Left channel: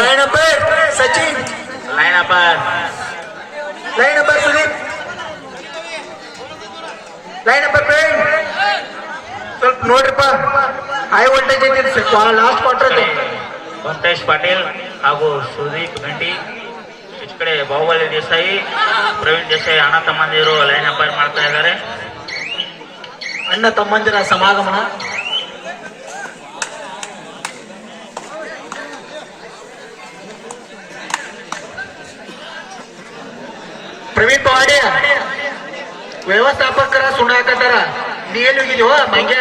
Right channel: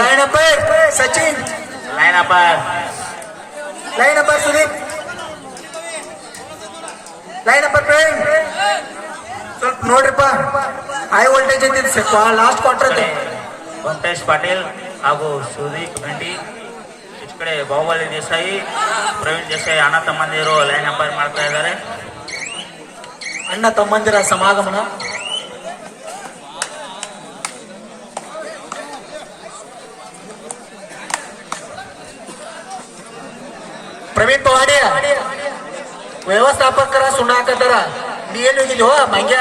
Line number Sachin, line number Sudeep, line number Praveen. ಸ್ವಲ್ಪ ನೋಡ್ರಿಪ್ಪ, high voltage ಐತಿ last quarter. Venkatesh Patil ಹಾಗೂ ಸುದೀಪ್ ಗಂಟಿ. ಈ ಕಡೆ ಬಾಹುಬಲಿ ದೇಸಾಯಿ, ಪ್ರವೀಣ್ ದೇಸಾಯಿ ಅಣ್ಣ ತಮ್ಮಂದಿರು ಲೈನ್ ಅಂಪೈರ್ ಮಾಡ್ತಾ ಇದ್ದಾರೆ. ಅಣ್ಣ ತಮ್ಮಂದಿರ ಸಮಾಗಮನ. ಪ್ರವೀಣ್ ಪವಾಡಿ ವ್ಯವಸ್ಥಾಪಕರ ಸುಣ್ಣ ಹಾಕತ್ತಾರ. ನೀ ಎಲ್ಲಿ ಹೋಗಿದ್ಯೋ ಮಂಗ್ಯ?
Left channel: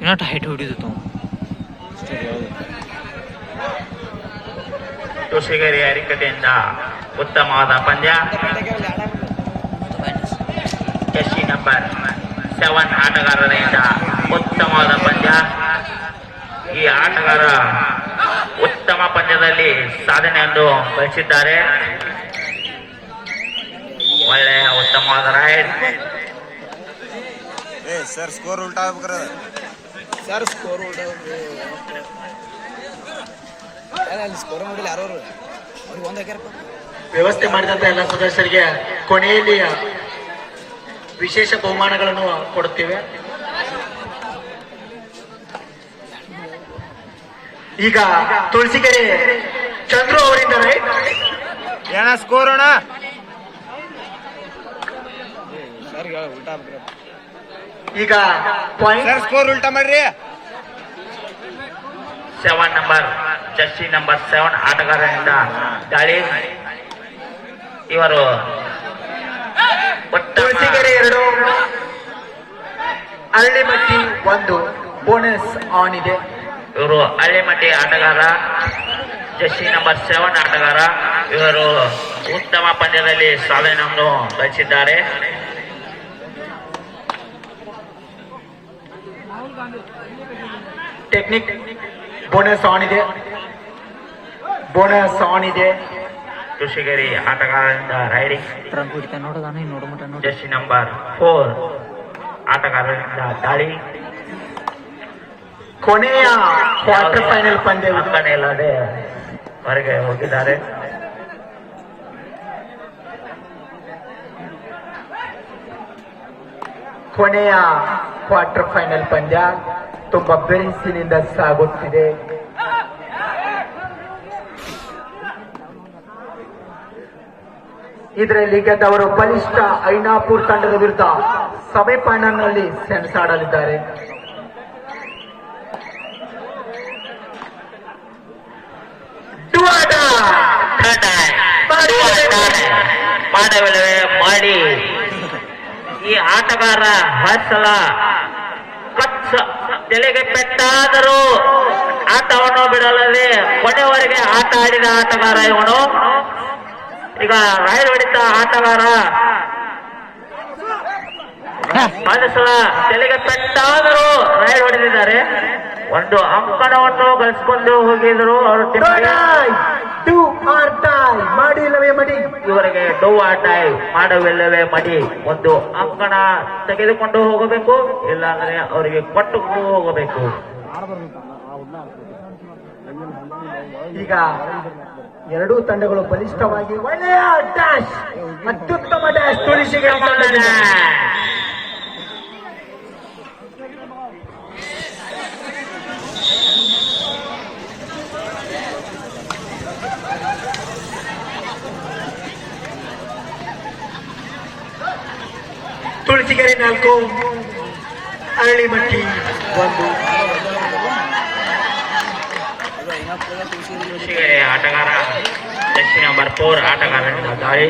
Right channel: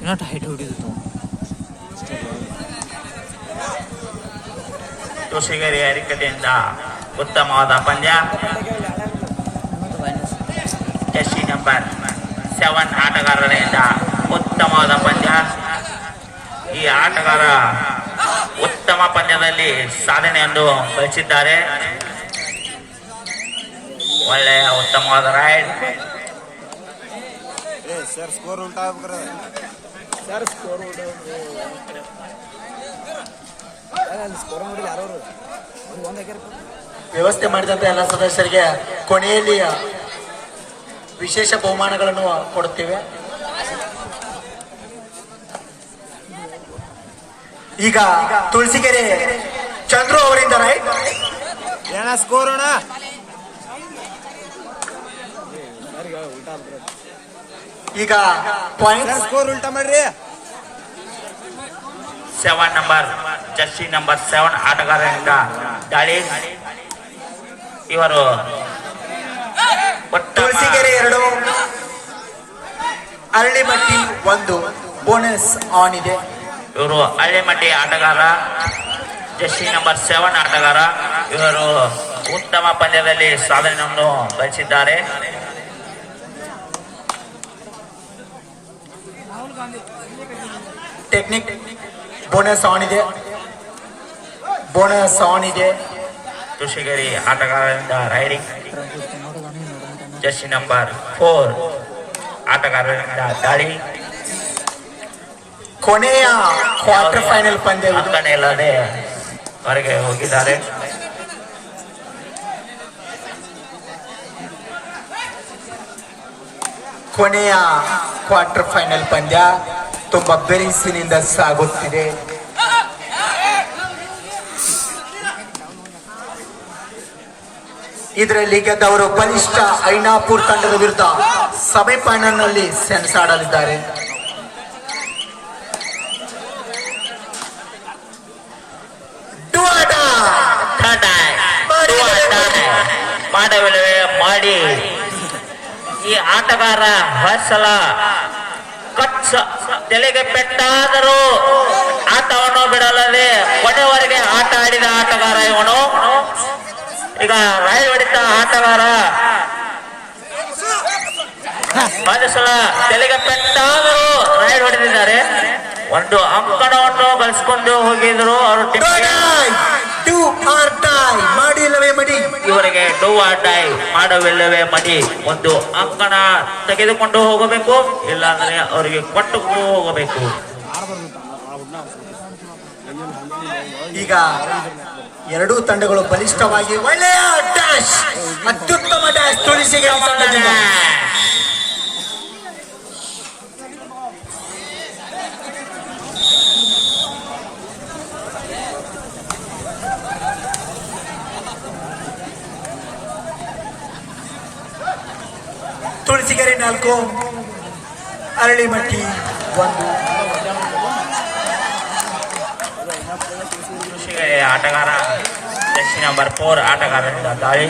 ಇನ್ನೊಟ್ಟು ಹೈಟ್ ಹೊಡಿದಿತ್ತು. ತುಷಿಗೇರಿ ಅರಿಕತೆಯಿಂದ ಉತ್ತಮವಾದ ಪಂದ್ಯ. ಜರ್ಸಿ ನಂಬರ್ 7 ಆಟಗಾರರಿಂದ ಉತ್ತಮವಾದ ಪಂದ್ಯ. ಈ ಆಟಗಾರ ಉತ್ತಮ ಪಂದ್ಯದಲ್ಲಿ ಸಾಧನೆಯನ್ನು ಗಳಿಸಿದ್ದಾರೆ. ಒಳ್ಳೆಯ ಉತ್ತಮವಾದ ರೈಡ್. ಸರ್ ಸ್ಕೋರ್ ಉಲ್ಟಾ ಆಗ್ಬೇಕ್ರ. ಸರ್ ಸ್ಕೋರ್ ಉಲ್ಟಾ ಸ್ಕೋರ್ ನೋಡಿಲ್ಲ ಯಾರು ವ್ಯವಸ್ಥೆ ಮಾಡಿದಂತ ಎಲ್ಲ ಸದಸ್ಯರಿಗೆ ಕೊನೆಯಲ್ಲಿ ವಿಶೇಷ ಬಹುಮಾನಗಳನ್ನು ಕೊಡುತ್ತೇವೆ. ಈಗ ತುಳಸಿಗೆರೆ ಚಂದ್ರು ಅವರಿಂದ ಏನ ಸ್ಕೋರ್ ಅಣ್ಣ? ಉಲ್ಟಾ ಆಗ್ಬೇಕ್ರ. ಈಗ ಪಾಯಿಂಟ್ ಸ್ಕೋರ್ ಉಲ್ಟಾ ಮಾಡ್ರಿ. 7 ನಂಬರ್ ಜರ್ಸಿ ನಂಬರ್ 7 ಆಟಗಾರರಿಂದ ದಾಳಿ. ಇವರು ತುಳಸಿಗೆರೆ 2, ಅರಳಿಮಟ್ಟಿ 1 ಬೋನಸ್ ಆನ್ ಇದೆ. ಇವರು ಹಳ್ಳಿಮಟ್ಟಿ ಆಟಗಾರ, ಜರ್ಸಿ ನಂಬರ್ 7 ಆಟಗಾರ. ಇವರು ಉತ್ತಮ ಪಂದ್ಯದಲ್ಲಿ ಸಾಧನೆಯನ್ನು ಗಳಿಸಿದ್ದಾರೆ. ಟೆಕ್ನಿಕ್ ಬೋನಸ್ ಆನ್ ಇದೆ, ಬೋನಸ್ ಆನ್ ಇದೆ. ತುಷಿಗೇರಿ ಆಟಗಾರರಿಂದ ರೈಡಿಂಗ್. ಜರ್ಸಿ ನಂಬರ್ 4 ಆಟಗಾರರಿಂದ ದಾಳಿ. ಕೊನೆಯ ಕ್ವಾರ್ಟರ್ ಫೈನಲ್ ಪಂದ್ಯ ಇಲ್ಲದೆ ಹೊರಗೆ ಹೋಗಿದ್ದಾರೆ. ಕೊನೆಯ ಕ್ವಾರ್ಟರ್ ಫೈನಲ್ ಪಂದ್ಯ ತುಂಬಾ ಬೆರಿಸಿನಿಂದ ಸಾಗುತ್ತಿದೆ. ಇದರಲ್ಲಿ ಗೆದ್ದವರು ಬಲಿಷ್ಠ ಐನಾಪುರ್ ತಂಡದ ವಿರುದ್ಧ ಸೆಮಿಫೈನಲ್ನಲ್ಲಿ ಸೆಣಸಾಡಲಿದ್ದಾರೆ. ಮಾಡವಿಲ್ಲವೇ ಮಾಡಿ ಈ ಆಟಗಾರ ಹರ್ಷಲ ಕಚ್ಚ ತಲೆಗೆ ಪೆಟ್ಟಾದರೂ ಆಟವನ್ನು ಬಿಡಲಲ್ಲಿ ಕೊನೆಯವರೆಗೆ ಆಟ ಆಡಿದ ಆಟಗಾರ ಇವನು. ಈಗ ರೈಡ್ ಹೊಡಿತ ಆಟಗಾರ ಸಲ ತಲೆಗೆ ಪೆಟ್ಟಾದರೂ ರೈಡ್ ಹೊಡೆದಿದ್ದಾರೆ. ಒಂದು ಅಂಕಣವನ್ನು ಗಳಿಸಿಕೊಂಡು ಹೋಗಿದ್ರು ಅವರು. ಮಾಡಿಲ್ಲವೇ ಮಡಿ, ಇವರಿಗೆ ಡೂ ಆರ್ ಡೈ, ಮಾಡವಿಲ್ಲವೇ ಮಡಿ. ಒಂದು ಅಂಕಣ ತೆಗೆದುಕೊಂಡು ಹೋಗಬೇಕು, ಇಲ್ಲಾಂದ್ರೆ ಅವರಿಗೆ ಕೊಟ್ಟುಕೊಂಡು ಹೋಗಬೇಕು. ಈಗ ಎರಡೂ ತಂಡಗಳು ಬಲಿಷ್ಠವಾಗಿ ಒಳ್ಳೆಯ ಡ್ಯಾಶ್, ಅತ್ಯುತ್ತಮ ಡ್ಯಾಶ್ ತುಳಸಿಗೆರೆ ತಂಡದಿಂದ. ತುಳಸಿಗೆರೆ 4, ಅರಳಿಮಟ್ಟಿ 1. ಆಟಗಾರ ಜರ್ಸಿ ನಂಬರ್ 4 ಆಟಗಾರರಿಂದ ದಾಳಿ.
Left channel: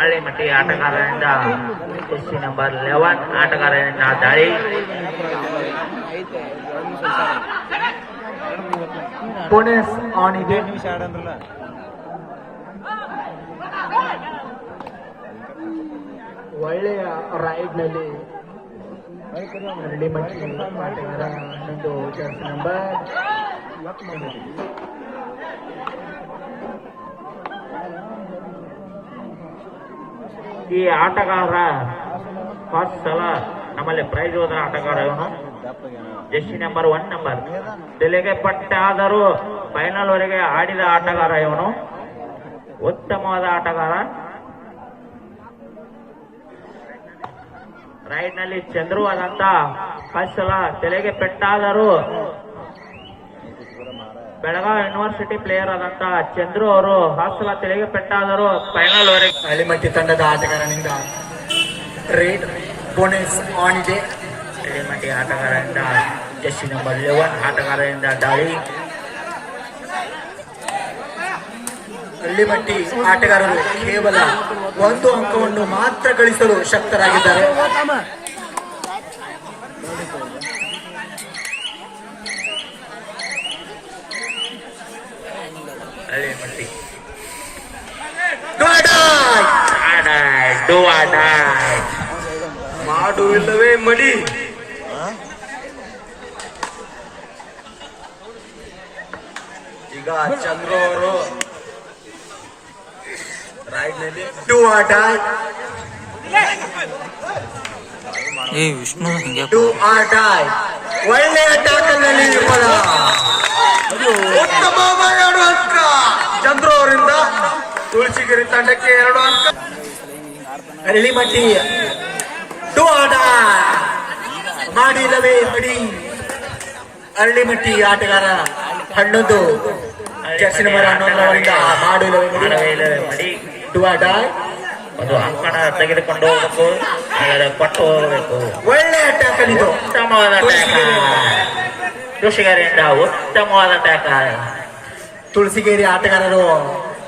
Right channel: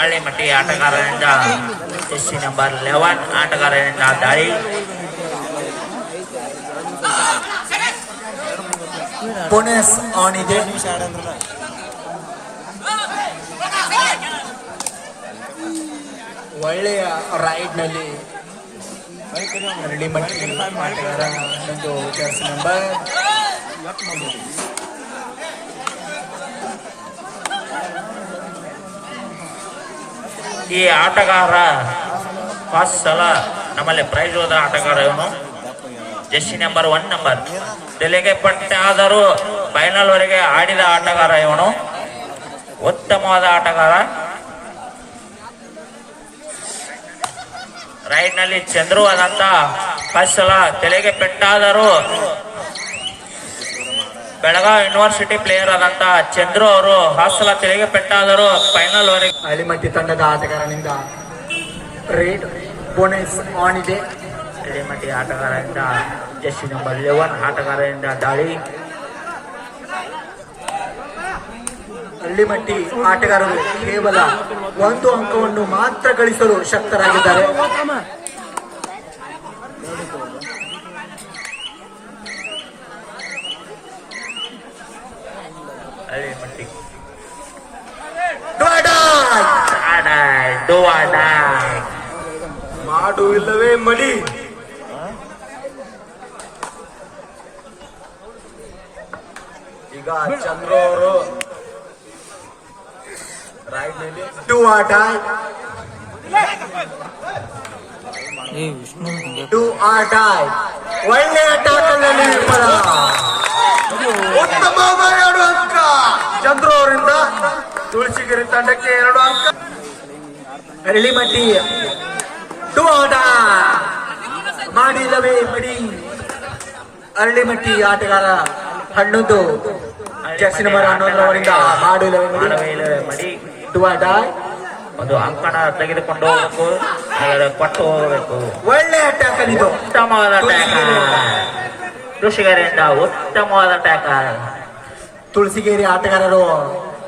ಹಳ್ಳಿಮಟ್ಟಿ ಆಟಗಾರರಿಂದ ಜರ್ಸಿ ನಂಬರ್ 11 ಆಟಗಾರರಿಂದ ದಾಳಿ. ಬೋನಸ್ ಆನ್ ಇದೆ. ಒಳ್ಳೆಯ ರೈಡ್ ನಲ್ಲಿ ಹಳ್ಳಿಮಟ್ಟಿ ಆಟಗಾರ ಒಂದು ಜರ್ಸಿ ನಂಬರ್ ಈ ಆಟಗಾರ ಫಸ್ಟ್ ಸಲ ನಮ್ಮಲ್ಲಿ ಪ್ರೈಸ್ ಹೋದ ಆಟಗಾರ ಇವನು. ಜೆರ್ಸಿ ನಂಬರ್ 1 ತೆಲೆಗೆ ಪಟ್ಟ ಆದರೂ ಫೈನಲ್ ವರೆಗೆ ಆಡಿದ ಆಟಗಾರ ಇವನು. ಉತ್ತಮವಾದ ಆಟಗಾರ. ರೈಡ್ ನಲ್ಲಿ ಚಂದ್ರು ಆದಂತ ಫಸ್ಟ್ ಸಲ ತಲೆಗೆ ಪೆಟ್ಟಾದರೂ ಬೆಳಗಾವಿ ಯೂನಿವರ್ಸಿಟಿ ಪ್ಲೇಯರ್ ಆದಂತ ಚಂದ್ರು ಅವರು ಹಾಸಲ ತೆಲೆಗೆ ಪೆಟ್ಟಾದರೂ ಫೈನಲ್ ವರೆಗೆ. ಹಳ್ಳಿಮಟ್ಟಿ ತಂಡದ ಆಟಗಾರನಿಂದ ರೇಟ್ ಬೋನಸ್ ಆನ್ ಇದೆ. ಹಳ್ಳಿಮಟ್ಟಿ ಆಟಗಾರರಿಂದ ಜೆರ್ಸಿ ನಂಬರ್ 11 ಆಟಗಾರರಿಂದ ದಾಳಿ. ಹಳ್ಳಿಮಟ್ಟಿ ಆಟಗಾರರು ಕೇವಲ 1 ಅಂಕವನ್ನು ಮಾತ್ರ ಗಳಿಸಲು ಶಕ್ತರಾಗಿದ್ದಾರೆ. ಹಳ್ಳಿಮಟ್ಟಿ ಮಾಡು ಇಲ್ಲವೇ ಮಡಿ. ಈಗ ಚಂದ್ರ ಅವರು ಡೂ ಆರ್ ಡೈ. ಏ ವಿಷ್ಣು ಹಿಂಗೆ ಡೂ ಆರ್ ಡೈ. ಒಳ್ಳೆಯ ಟ್ಯಾಕಲ್ ನಲ್ಲಿ ವಿಫಲ. ಉತ್ತಮವಾದ 2 ಅಂಕ ಚಂದ್ರು ಅವರಿಂದ ತುಳಸಿಗಿರಿ ತಂಡಕ್ಕೆ 2 ಅಂಕ. ಹಳ್ಳಿಮಟ್ಟಿ ಡೂ ಆರ್ ಡೈ. ಮಾಡಿಲ್ಲವೇ ಮಡಿ. ಹಳ್ಳಿಮಟ್ಟಿ ಆಟಗಾರ 11 ಜೆರ್ಸಿ ನಂಬರ್ 11 ಅವರಿಂದ ಮಾಡಿಲ್ಲವೇ ಮಡಿ. Do or dye. ಒಂದು ಅಂಕಣ ತೆಗೆದುಕೊಂಡು ಹೋಗಬೇಕು, ಕೊಟ್ಟು ಹೋಗಬೇಕು. ಒಳ್ಳೆಯ ಟ್ಯಾಕಲ್ ಇದು. ಉತ್ತಮವಾದ ಕೃಷಿಕರಿಂದ ಉತ್ತಮವಾದ ಟ್ಯಾಕಲ್. ತುಳಸಿಗೇರಿ ಆಟಗಾರರು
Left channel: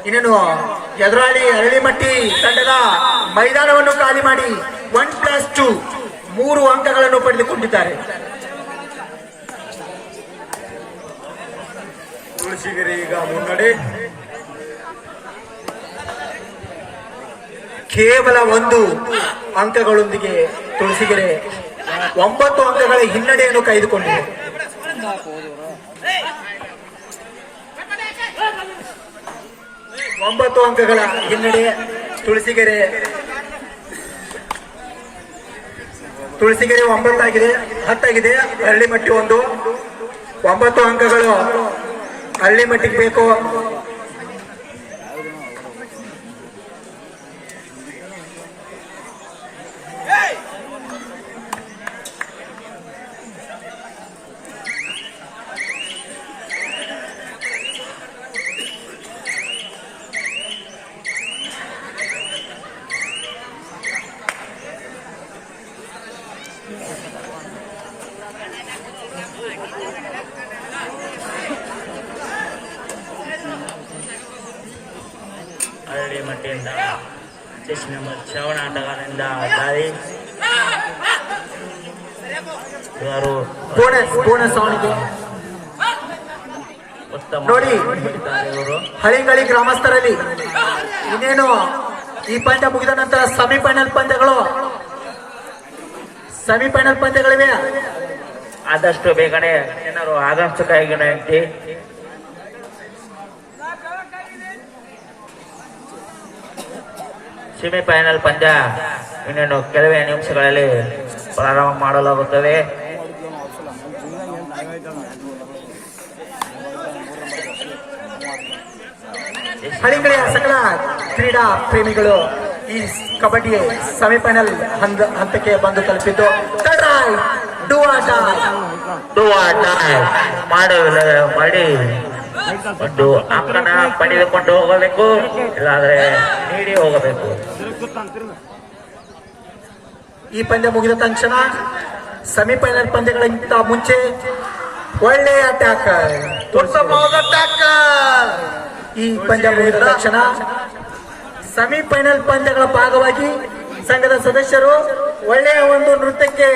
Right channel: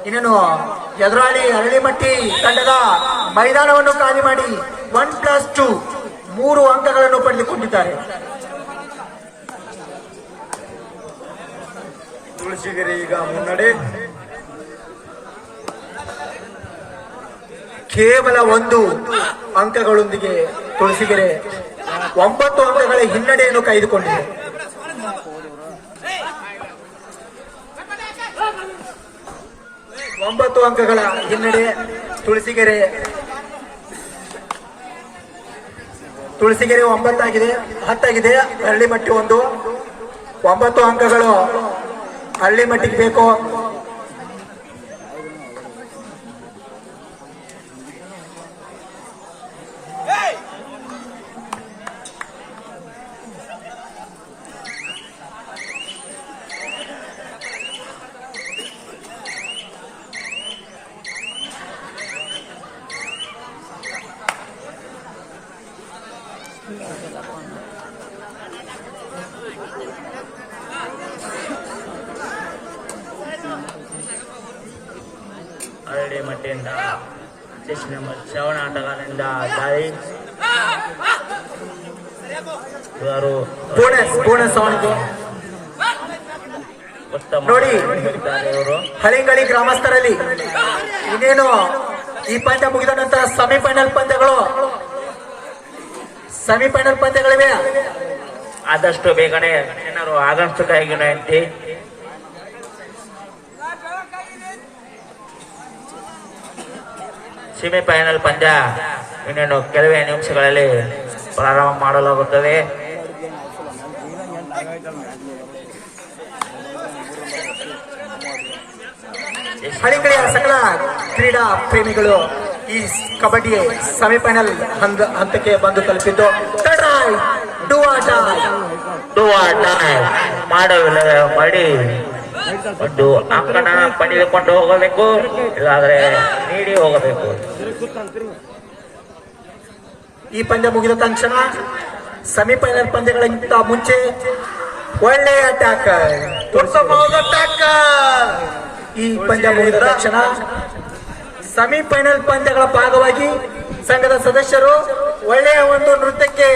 ಇನ್ನೇನು ಎದುರಾಳಿ ಹಳ್ಳಿಮಟ್ಟಿ ತಂಡದ ಮೈದಾನವನ್ನು ಖಾಲಿ ಮಾಡಿ 1+2 3 ಅಂಕಗಳನ್ನು ಪಡೆದುಕೊಂಡಿದ್ದಾರೆ. ತುಳಸಿಗೆರೆ ಈಗ ಮುನ್ನಡೆ. ಕೇವಲ 1 ಅಂಕಗಳೊಂದಿಗೆ ತುಳಸಿಗೆರೆ 9 ಅಂಕಗಳ ಹಿನ್ನಡೆಯನ್ನು ಕಾಯ್ದುಕೊಂಡಿದೆ. ಒಂಬತ್ತು ಅಂಕಗಳ ಹಿನ್ನಡೆ ತುಳಸಿಗೆರೆ 9 ಆಗಿದೆ, 10 ಆಗಿದೆ. ಹಳ್ಳಿಮಟ್ಟಿ 1 9 ಅಂಕಗಳು ಹಳ್ಳಿಮಟ್ಟಿಗೆ ಬೇಕು. ಹಳ್ಳಿಮಟ್ಟಿಯಿಂದ ಜೆರ್ಸಿ ನಂಬರ್ 7 ಆಟಗಾರರಿಂದ ದಾಳಿ. ಇವರು ಬೋನಸ್ ಆಗಿದೆ ಉತ್ತಮ ನೋಡಿ. ಇವರು ಹಳಿಂಗಳಿ ಗ್ರಾಮಸ್ಥರಲ್ಲಿ ಇನ್ನೇನು ಈ ಪಂದ್ಯ ಮುಗಿದ ನಂತರ ಸೆಮಿಫೈನಲ್ ಪಂದ್ಯಗಳಿವೆ. ಆದಷ್ಟು ಬೇಗನೆ ಜನರು ಆದಷ್ಟು ಕೈಗೊಂಡಂತೆ ಸೆಮಿಫೈನಲ್ ಪಂದ್ಯ ಇನ್ನೇನು ಕೆಲವೇ ನಿಮಿಷಗಳಲ್ಲಿ ಪ್ರಾರಂಭ ಮಾಡಲಾಗುತ್ತದೆ. ಹಳಿಂಗಳಿ ಸಕಲ ಕ್ರೀಡಾ ಪ್ರೇಮಿಗಳು ಈ ಕಬಡ್ಡಿ ಸೆಮಿಫೈನಲ್ ಹಂತಕ್ಕೆ ಬಂದು ತಲುಪಿದ್ದು. ಮಾಡಿ ಒಂದು ಅಂಕಣ ಪಡೆದುಕೊಂಡು ಹೋಗಬೇಕು, ಇಲ್ಲಾದ್ರೆ ನೀಡಿ ಹೋಗಬೇಕು. ಈ ಪಂದ್ಯ ಮುಗಿದ ತಕ್ಷಣ ಸೆಮಿಫೈನಲ್ ಪಂದ್ಯಗಳಿಗಿಂತ ಮುಂಚೆ ಒಳ್ಳೆಯ ಟ್ಯಾಕಲ್, ಉತ್ತಮವಾದ ಟ್ಯಾಕಲ್. ಈ ಪಂದ್ಯ ಮುಗಿದ ತಕ್ಷಣ ಸೆಮಿಫೈನಲ್ ಪಂದ್ಯಗಳ ಭಾಗವಾಗಿ ಸಂಘದ ಸದಸ್ಯರು ಒಳ್ಳೆಯ ಒಂದು ನೃತ್ಯಕ್ಕೆ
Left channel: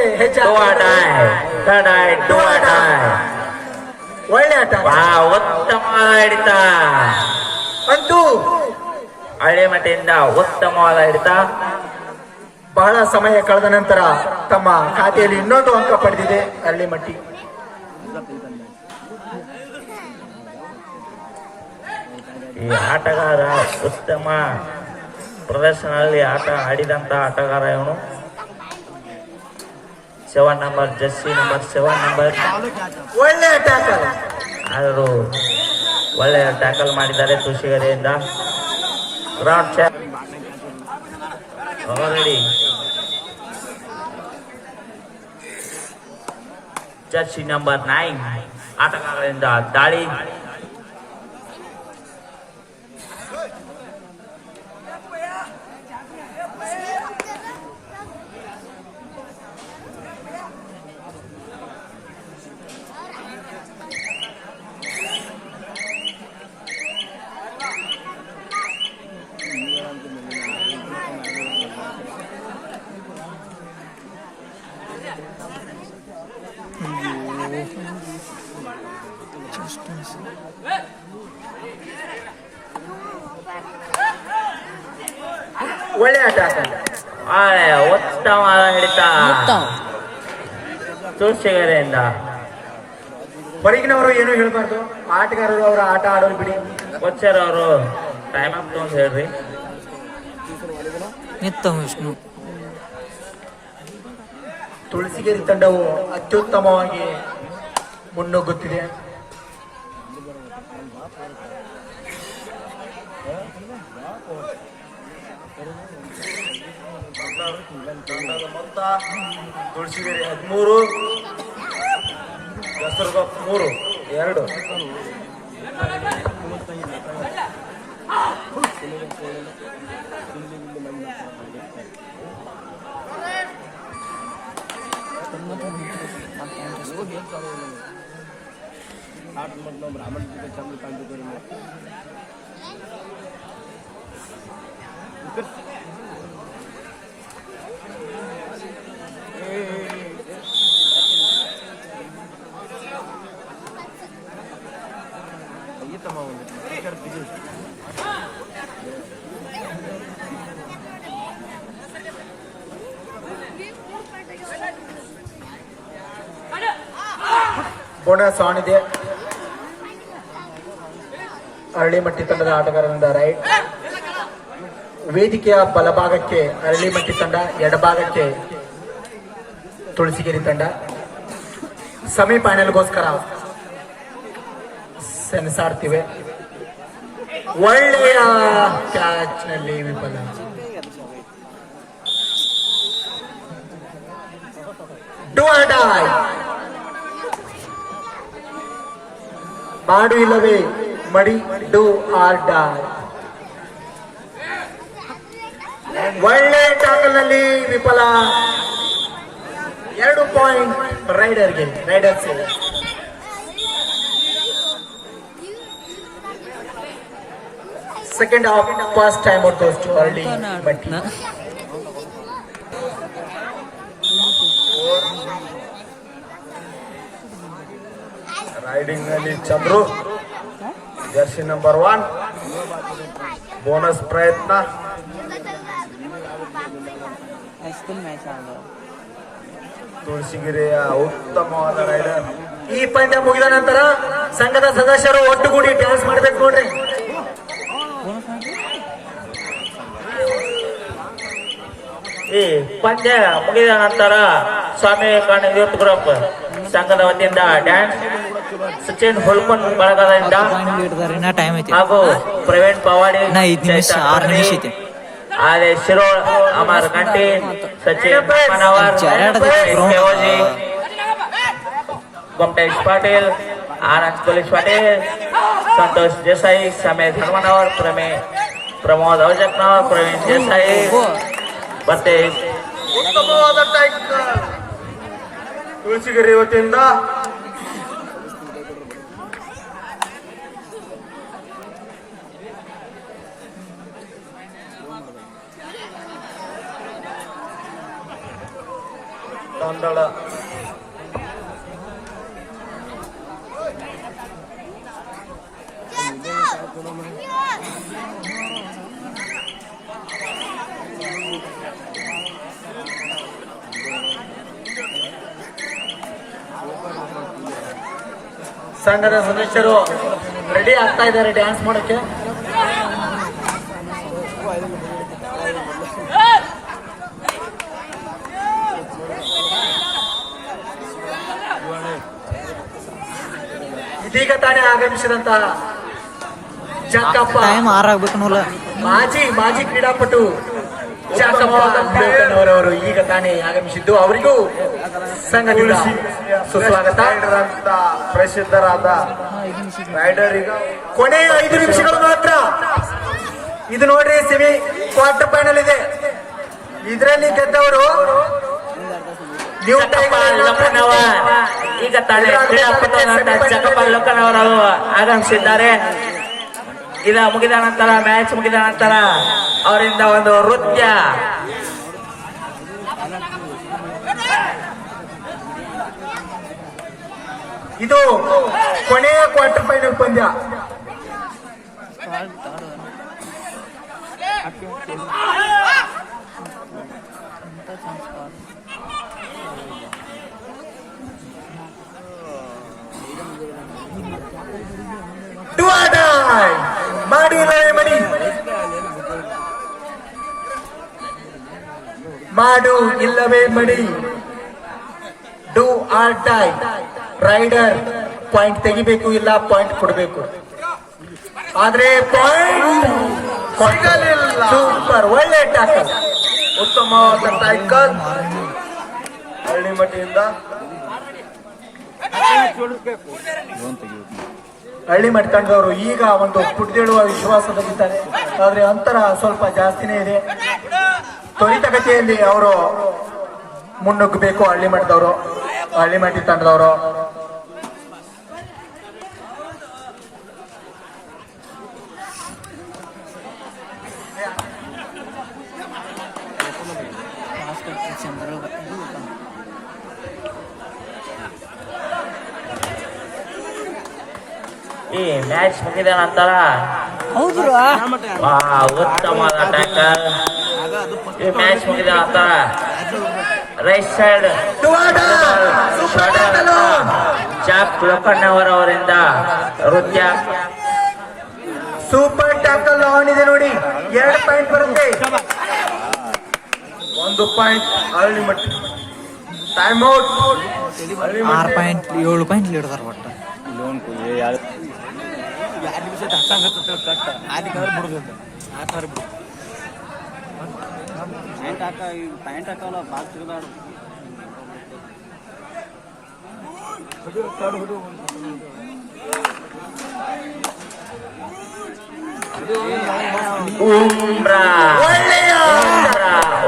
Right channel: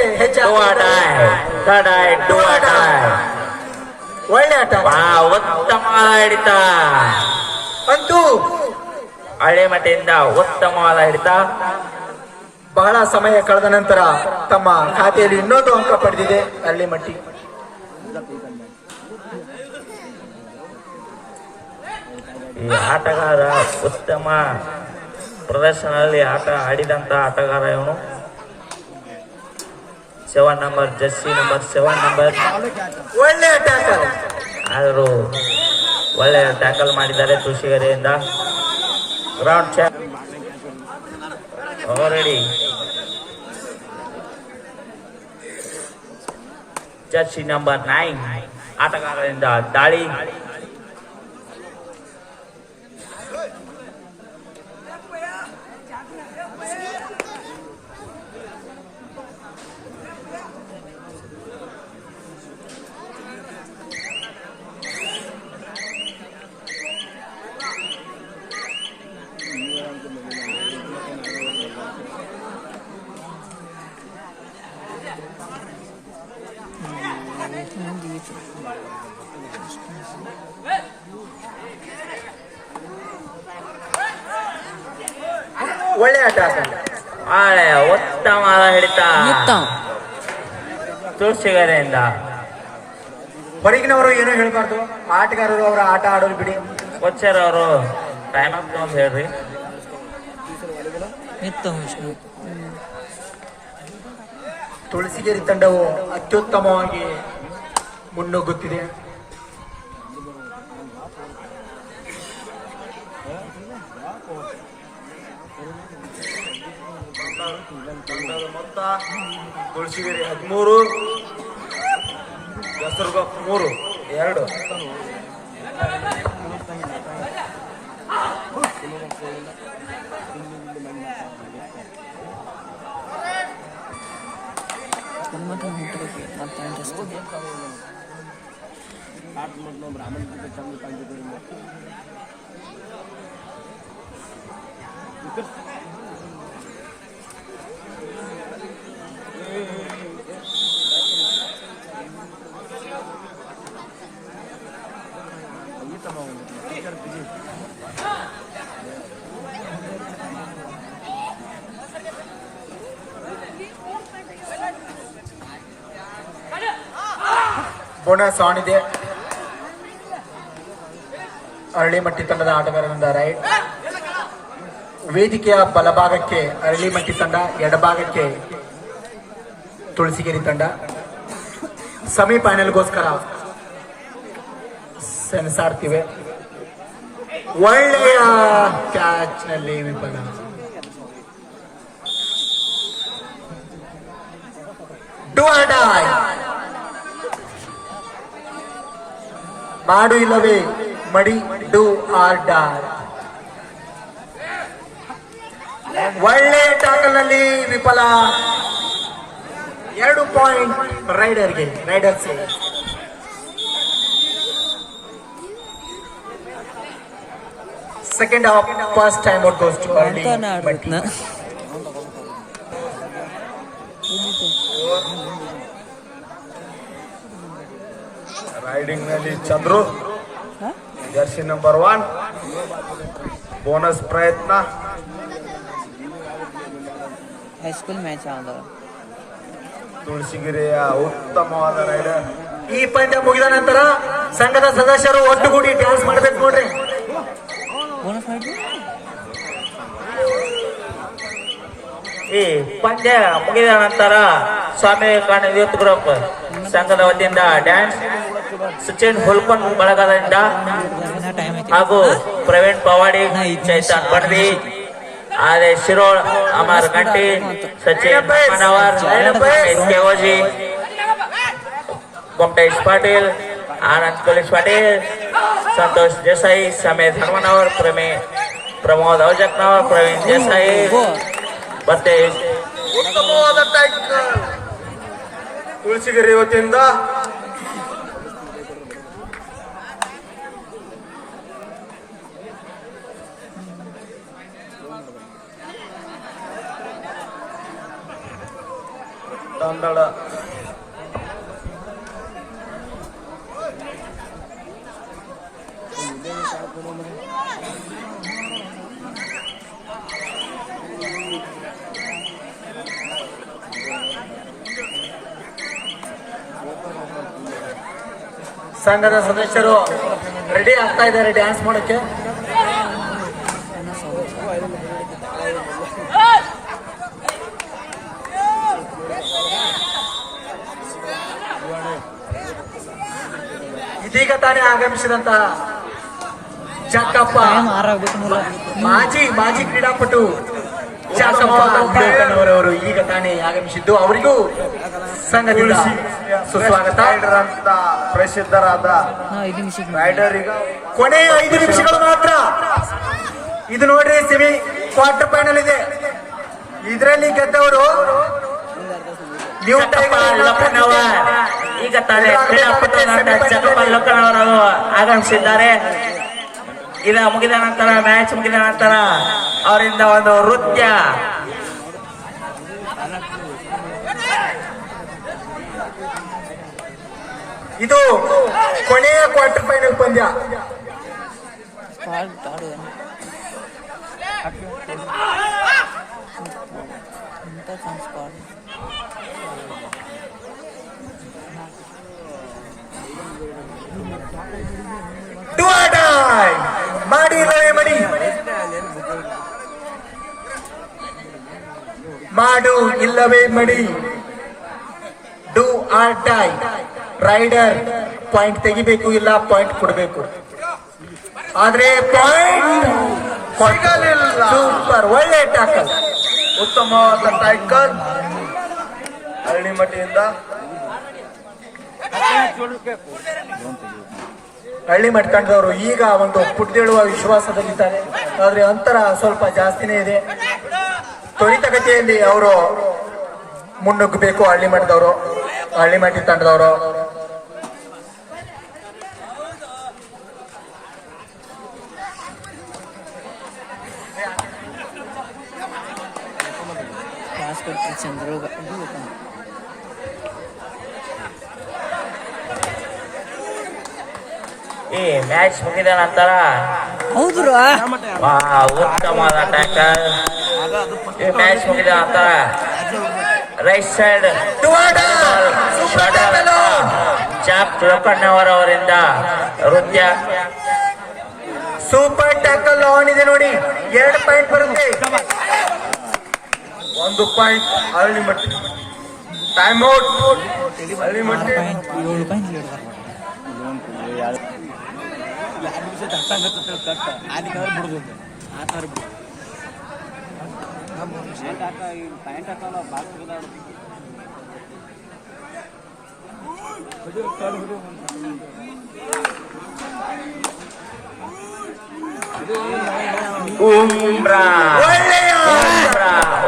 ಒಳ್ಳೆಯ ಉತ್ತಮ ಹಿಡಿತ ಅಂತೂ ಹಳ್ಳಿಮಟ್ಟಿಯಿಂದ ಉತ್ತಮವಾದ ಹಿಡಿತ. ಬಹಳ ಸಮಯ ಕಳೆದ ನಂತರ ತಮ್ಮ ಖಾತೆಯಲ್ಲಿ ಇನ್ನೊಂದು ಅಂಕ ಪಡೆದಿದೆ ಅರಳಿಮಟ್ಟಿ. ಈ ಆಟಗಾರ ಉತ್ತಮ ಪ್ರದರ್ಶನದಲ್ಲಿ ಆಟ ಆಡಿದಂತ ಆಟಗಾರ ಇವನು. 7 ನಂಬರ್ ಜರ್ಸಿ ನಂಬರ್ 7 ನಂಬರ್. ಒಳ್ಳೆ ಟ್ಯಾಕಲ್. ಆದರೂ ಒಳ್ಳೆ ಟ್ಯಾಕಲ್ ಮಾಡಿದ್ದಾರೆ ತುಳಸಿಗೆರೆಯಿಂದ. Round check already. Jersey number 9 ಆಟಗಾರರಿಂದ ದಾಳಿ. ಒಳ್ಳೆಯ ಟ್ಯಾಕಲ್. ಉತ್ತಮವಾದ ಹಿಡಿತ ತುಳಸಿಗೆರೆಯಿಂದ. ಹೊರಗಿನವರು ಏನೂ ಹೇಳಬಾರ್ದು, ಆಟಗಾರರು ಅವರ ಆಟ ಆಡೋರು ಬಿಡಿ. ಕೋಚರ್ ಅವರು ಟೈಮ್ ಅಪ್ ಅಂತ ಹೇಳ್ರಿ. ನಿತ್ತ ವಿಷ್ಣು. ತುಳಸಿಗೇರಿ ತಂಡವು ಅತ್ಯುತ್ತಮವಾಗಿ ಮುನ್ನುಗ್ಗುತ್ತಿದೆ. ತಂಡದ ಮೊತ್ತ ತುಳಸಿಗೇರಿ 13, ಹೆಸರುಗೊಪ್ಪ 3, 2. ಬೋನಸ್ ಆನ್ ಇದೆ. ಅರಳಿಮಟ್ಟಿ ತಂಡದ ಆಟಗಾರರಿಂದ ರೈಟ್. ವೇದಿಕೆಯ ಬಲಭಾಗಕ್ಕೆ ಅರಳಿಮಟ್ಟಿ ತಂಡ, ಎಡಭಾಗಕ್ಕೆ ತುಳಸಿಗೇರಿ ತಂಡ. ಸೆಮಿಫೈನಲ್ಗೋಸ್ಕರ ಸೆಣಸಾಡ್ತಿವೆ. ಒಳ್ಳೆಯ ಕ್ಯಾಚ್ ನಲ್ಲಿ ವಿಫಲ. Do or die. ಮಾಡು ಇಲ್ಲವೇ ಮಡಿ. Do or die. ಒಳ್ಳೆ ಟ್ಯಾಕಲ್ ನಲ್ಲಿ ವಿಫಲ. 2 ಪಾಯಿಂಟ್ ರೈಡರ್ಗೆ. Raiders second half first time out goes to Aralimatti. Raiding ನಲ್ಲಿ ಚಂದ್ರು ಜರ್ಸಿ ನಂಬರ್ 1. ಬೋನಸ್ ಪ್ರಯತ್ನ. ಹೈಸ್ಕೂಲ್ ಮ್ಯಾಚ್ ಆದ. ತುಳಸಿಗೆರೆಯ ಉತ್ತಮವಾದ ರೈಡರ್. ಈ ಪಂದ್ಯ ಮುಗಿದ ನಂತರ ಸಂಘದ ಸದಸ್ಯರು ಒಟ್ಟುಗೂಡಿ ಡ್ಯಾನ್ಸ್ ಮಾಡ್ಬೇಕು ನೋಡ್ರಿ. ಈ ಪಂದ್ಯ ಮುಗಿದ ನಂತರ ಸ್ವಾಮಿ ವಿವೇಕಾನಂದ ಯೂತ್ ಗ್ರೂಪ್ ಸಂಘದ ವತಿಯಿಂದ ಡ್ಯಾನ್ಸ್ ಸಚಿನ್ ಹುಲ್ಪನ್ ಬಳಗದಿಂದ ಟೈಮ್ ಐತಿ. ಹಾಗೂ ಪ್ರವೀಣ್ ಪವಾಡಿ, 5 ನಿಮಿಷ 6 ನಿಮಿಷ ಐತಿ. ಆದೇಶ್ ಶಿರೋಳ್, ಅಮರ್ ಗಂಟಿ, ಸಚಿನ್ ಮನವರ್, ಕೆಒಜಿ, गोमटेश पाटील, आनंद पोलीस पाटील, संतोष देसाई, समेत हनुमानवर, प्रमोद अवजतनवर, प्रवीण देसाई, ಮತ್ತೆ ಉತ್ತಮವಾದ ತುಳಸಿಗೆರೆ ವತಿಯಿಂದ ತಂಡಳ ಸಂಘದ ಸದಸ್ಯರು ರೆಡಿ ಆಗ್ತಾ ಇದ್ದಾರೆ ಡ್ಯಾನ್ಸ್ ಮಾಡೋಕ್ಕೆ. ಇದೀಗ ತಾನೇ ಆಗಮಿಸಿದಂತಹ ಚಕ್ಕಪ್ಪ ಟೈಮ್ 6 ಆಗ್ಬೇಕು ನೋಡ. ಮಾಜಿ ಕ್ರೀಡಾಪಟು ಚಕ್ಕಪ್ಪ ಅಂಬೇಡ್ಕರ್ನವರವರು ಈಗ ತಾನೇ ಆಗಮಿಸಿದ್ದು. ಅವರಿಗೂ ಸಂಘದಿಂದ ಸುಸ್ವಾಗತ. ರೈಡರ್ ಅಂತ ಪ್ರಸಿದ್ಧರಾದ 5 ನಿಮಿಷ ರೈಡರ್ ಈಗ ಕೊನೆಯ 5 ನಿಮಿಷಗಳು ಮಾತ್ರ. ಇದು ನೋಡ್ರಿ ಸೆಮಿ ಕ್ವಾರ್ಟರ್ ಫೈನಲ್ ಇದೆ. ಇದರಲ್ಲಿ ಗೆದ್ದವರು ನ್ಯೂ ಟೈಗರ್ ಈಗ ತಾನೇ ಕ್ರೀಡಾಪಟುಗಳಾದ ಚಕ್ಕಪ್ಪ ಲೋಕನವರು ಆಗಮಿಸಿದ್ದಾರೆ. ಇದು ಮುಗಿದ ನಂತರ ಮ್ಯಾಚ್ ಮುಗಿದ ನಂತರ ಅವರಿಂದ ಒಂದು ನೃತ್ಯ. ಇದು ಕೊನೆಯ ಕ್ವಾರ್ಟರ್ ಫೈನಲ್ ಪಂದ್ಯ. Do or die. ಮಾಡಿ ಇಲ್ಲವೇ ಮಡಿ, ಮಾಡು ಇಲ್ಲವೇ ಮಡಿ. Do or die. Raider point ತೆಗಿಬೇಕು, ಇಲ್ಲ ಪಾಯಿಂಟ್ ಕೊಡಬೇಕು. ಆದ್ರೆ ಪಾಯಿಂಟ್ ಸಿಗಲಿಲ್ಲ. ಸೂಪರ್, ಒಳ್ಳೆ ಟ್ಯಾಕಲ್, ಉತ್ತಮವಾದ ಟೈಕಲ್ ಹಳ್ಳಿಮಟ್ಟಿಯಿಂದ. ಹಳ್ಳಿ ಮಟ್ಕೊಂಡವರು ಈಗ ಒಂದು ಪುಟ್ದೇಳುವ ವಿಶ್ವಾಸದಲ್ಲಿದ್ದಾರೆ. ಆದ್ರೆ ಅಂತರ ಸ್ವಲ್ಪ ಜಾಸ್ತಿನೇ ಇದೆ. ತ್ವರಿತಗತಿಯಲ್ಲಿ ಅವರು ಮುನ್ನುಗ್ಗಬೇಕು. ಹಳ್ಳಿ ಮಟ್ಟಿ ತಂಡದವರು. ಈ ಮ್ಯಾಚ್ ಮುಗಿದ ನಂತರ ಹೌದು ಉತ್ತಮವಾದ ಟ್ಯಾಕಲ್. ಈ ಮ್ಯಾಚ್ ಮುಗಿದ ನಂತರ ರೈಟ್ ಸೈಡ್ ಜಾಕ್ ಲೋಕಣ್ಣವರವರಿಂದ ನೃತ್ಯ. ಸೂಪರ್ ಟ್ಯಾಕಲ್ ಆನ್ ಇದೆ ನೋಡಿ. 2 ಪಾಯಿಂಟ್ ಬರುತ್ತೆ. 1 point Hallimatti. Time out. 6 point 7 point lead ಅದಾರ ಒಟ್ಟು.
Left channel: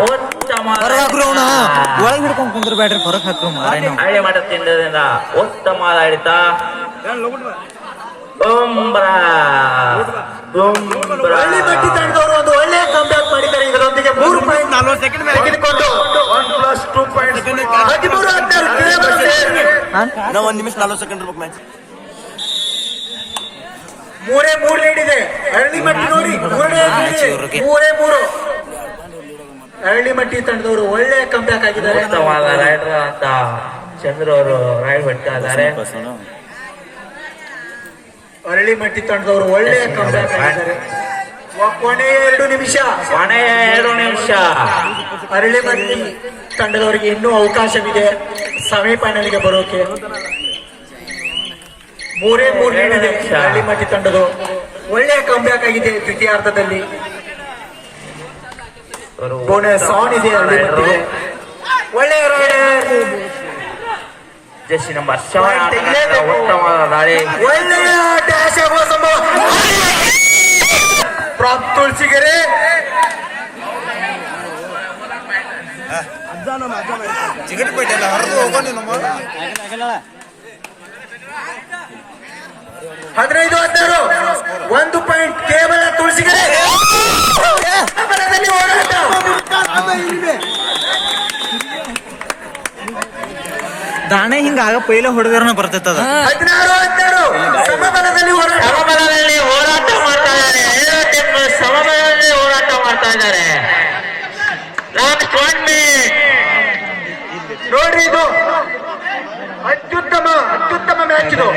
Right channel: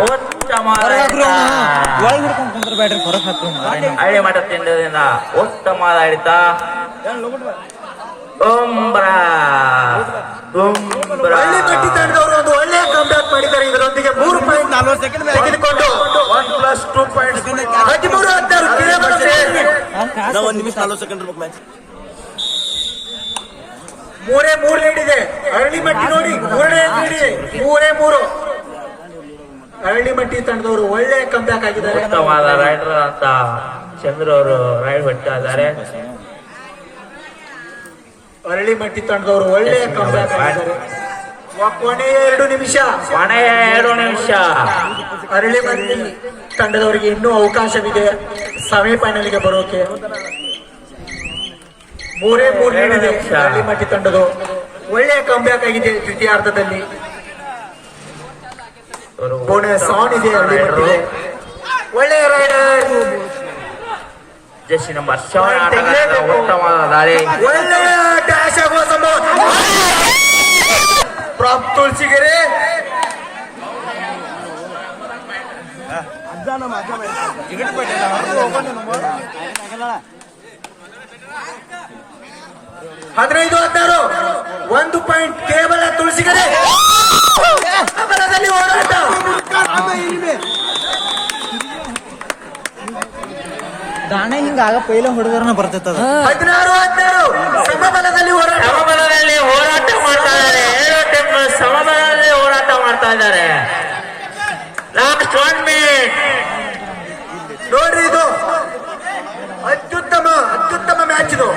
ಉತ್ತಮ ಒಳಗೆ ಹಿಡ್ಕೊಂಡು ಕುಂದ್ರ ಬ್ಯಾಡ್ರಿ, ಹೊರಗೆ ಹಾಕ್ರು ಮಾರೇನು. ಹಳ್ಳಿ ಮಠ ತಿಂಡದಿಂದ ಉತ್ತಮವಾದ ಹಿಡಿತ. ಹಳ್ಳಿ ಮಟ್ಟಿ ತಂಡದವರು ಒಂದು ಒಳ್ಳೆಯ ಕಂಬ್ಯಾಕ್ ಮಾಡಿದ್ದಾರೆ. ಇದರೊಂದಿಗೆ 3 ಪಾಯಿಂಟ್ 40 ಸೆಕೆಂಡ್ ತೆಗೆದುಕೊಂಡು 1+2 ಪಾಯಿಂಟ್ 13-16 1 ನಿಮಿಷ 40 ಸೆಕೆಂಡ್ ಇರ್ಬೇಕು ಮ್ಯಾಚ್. 3 ಲೀಡ್ ಇದೆ. ಹಳ್ಳಿ ಮಟ್ಟಿ ನೋಡಿ 3 ಹಳ್ಳಿ ಮಟ್ಟಿ ತಂಡದವರು ಒಳ್ಳೆಯ ಕಂಬ್ಯಾಕ್ ಆಗಿದ್ದಾರೆ. ಉತ್ತಮವಾದ ರೈಡರ್ ಅಂತ ಚಂದ್ರ ಅವರು ರೈಡ್ ಬಿಡ್ತಾ ಇದ್ದಾರೆ. ಹಳ್ಳಿ ಮಟ್ಟಿ ತಂಡದವರು ಒಳ್ಳೆಯ ಕಂಬ್ಯಾಕ್ ಆಗಿದ್ದಾರೆ. ಕೊನೆಯ 2 ನಿಮಿಷ. ಹಳ್ಳಿ ಮಟ್ಟಿ ತಂಡದವರಿಗೆ ಇನ್ನೂ ಅವಕಾಶವಿದೆ ಸೆಮಿಫೈನಲ್ಗೆ ಬರೋಕೆ. 3 ಲೀಡ್ ಇದೆ ಹಳ್ಳಿ ಮಟ್ಟಿ ತಂಡದು. ಒಳ್ಳೆಯ ಕಂಬ್ಯಾಕ್ ಆಗಿದೆ ದ್ವಿತೀಯಾರ್ಧದಲ್ಲಿ. ಬೋನಸ್ ಆನ್ ಇದೆ ಹಳ್ಳಿ ಮಟ್ಟಿಗೆ. ಒಳ್ಳೆಯ ರೈಡರ್. ಜೆರ್ಸಿ ನಂಬರ್ 7 ಉತ್ತಮವಾದ ದಾಳಿ. ಒಳ್ಳೆಯ ಡ್ಯಾಶ್ ಆಗುವ ಸಂಭವ. ಪ್ರಾಪ್ ತುಳಸಿಗೆರೆ ಚಿಗಟಿಪೇಟೆ ಹೊರದು ಹೋಗೋಣ. 15-16 1 ಪಾಯಿಂಟ್ ಕೇವಲ ತುಳಸಿಗೆರೆ. ಸಮಬಲದಲ್ಲಿ ಹೋರಾಟ. ದಾಣೆ ಹಿಂಗ ಪೈಲೆ ಹೊಡೆದ್ರನ ಬರ್ತೈತದ. 16-12 ಸಮಬಲದಲ್ಲಿ ಹೋರಾಟ. ಸಮಬಲದಲ್ಲಿ ಹೋರಾಟ ಮಾಡ್ತಾ ಇದ್ದಾರೆ. ಸಮಬಲದಲ್ಲಿ ಹೋರಾಟ ಮಾಡ್ತಾ ಇದ್ದಾರೆ. ಲಾಸ್ಟ್ 1 ಮಿನಿಟ್ ನೋಡ್ರಿ, ಇದು ಅತ್ಯುತ್ತಮ ಮ್ಯಾಚ್ ಇದು.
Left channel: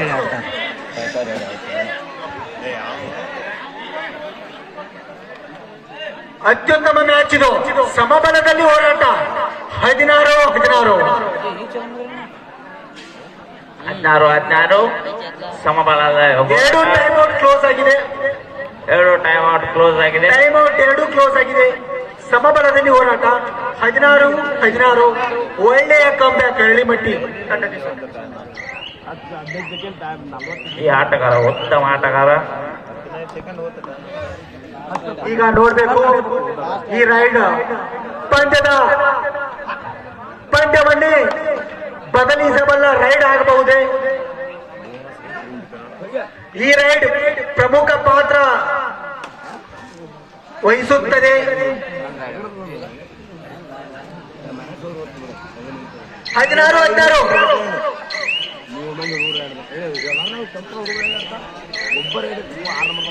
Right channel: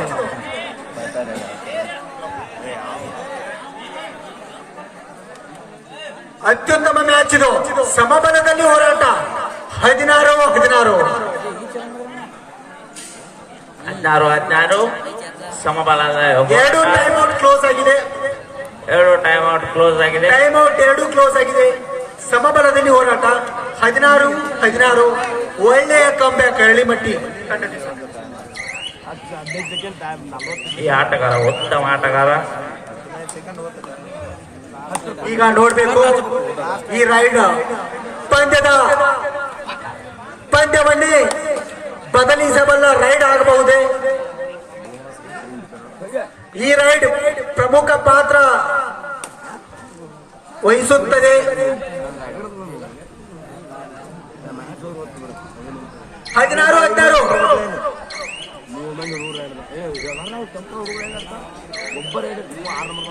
ಅತ್ಯುತ್ತಮ ಮ್ಯಾಚ್ ಇದು, ಸಮಬಲದಲ್ಲಿ ಹೋರಾಟ. 16-16 16 ಸಮಬಲದ ಎರಡು ಟೈಮ್ ಔಟ್ ಕ್ಲೋಸ್ ಆಗಿದೆ. ಎರಡು ಟೈಮ್ ಔಟ್ ಕ್ಲೋಸ್ ಆಗಿದೆ. ಟೈಮ್ ಔಟ್ ಎರಡು ಕ್ಲೋಸ್ ಆಗಿದೆ. ಸಮಬಲದಲ್ಲಿ ಹೋರಾಟ 16-16. ಒಳ್ಳೆಯ ಕಂಬ್ಯಾಕ್ ಅರಳಿಮಟ್ಟಿ ತಂಡದಿಂದ. ಈ ಆಟಗಾರ ಉತ್ತಮ ಆಟಗಾರ. ಈಗ ನೋಡ್ಬೇಕು ಈ ರೈಡ್ ಪಂದ್ಯವನ್ನೇ ಬದಲಿಸಬಲ್ಲ ರೈಡ್ ಆಗಬಹುದೇ. ಈ ರೈಡ್ ಪ್ರಮುಖ ಪಾತ್ರ ವಹಿಸುತ್ತದೆ. 16-16 ಒಬ್ಬರೇ 6 ನಂಬರ್